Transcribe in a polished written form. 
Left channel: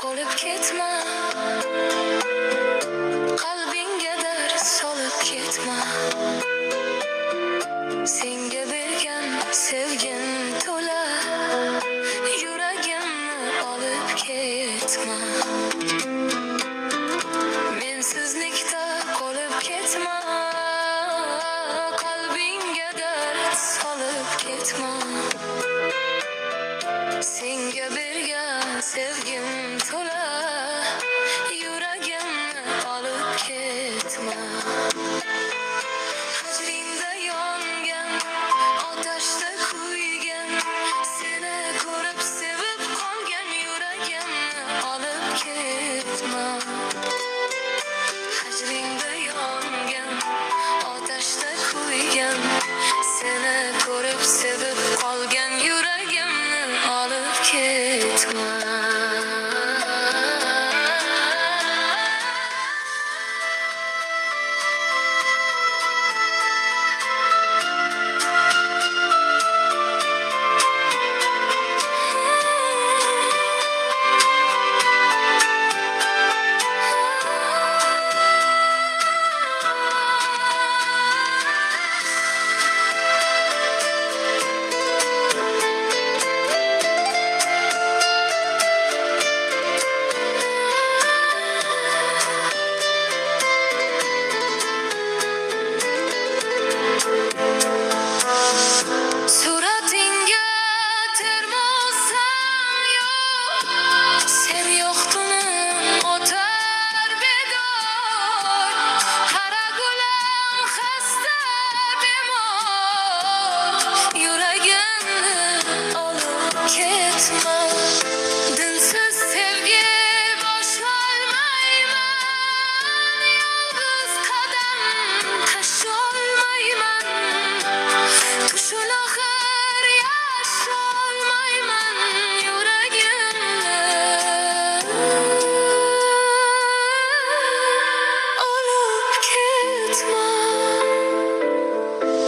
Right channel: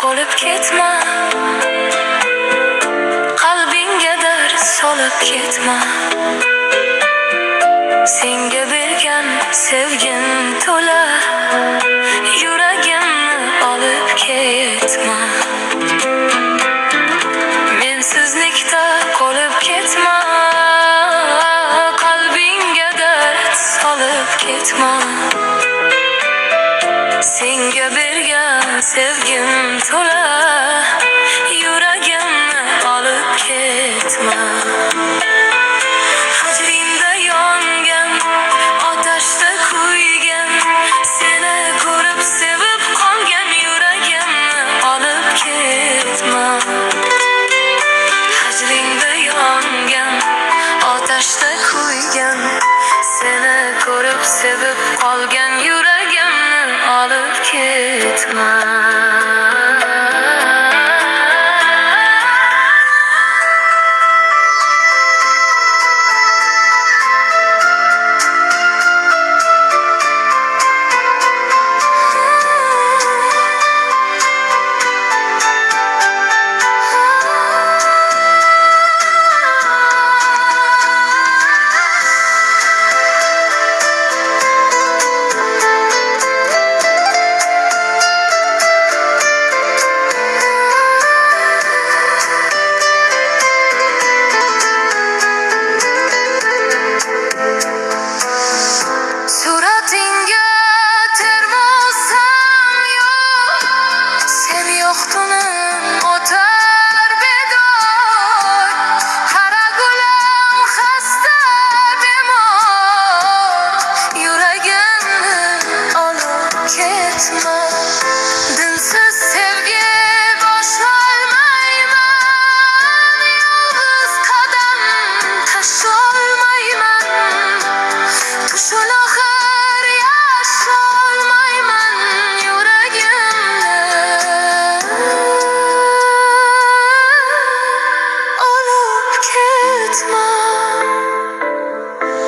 qolib ketma, qalbingga dard solib ketma. Senga bergan sevgim to'la, yuragimni olib ketma. Mensizlikda qolib ketma, qalbingga dard solib ketma. Senga bergan sevgim to'la, yuragimni olib ketma. Hajringda yongan, otashda kuygan, seni ko'rib sevib qolgan yuragimni olib ketma. Hajringda yongan, otashda kuygan, seni ko'rib sevib qolgan yuragimni olib ketma. Suratingga termosam yo'q, sen yo'qtunim o'tar bedor. Qara gulam xasta bemor, yuragimni olib ketma.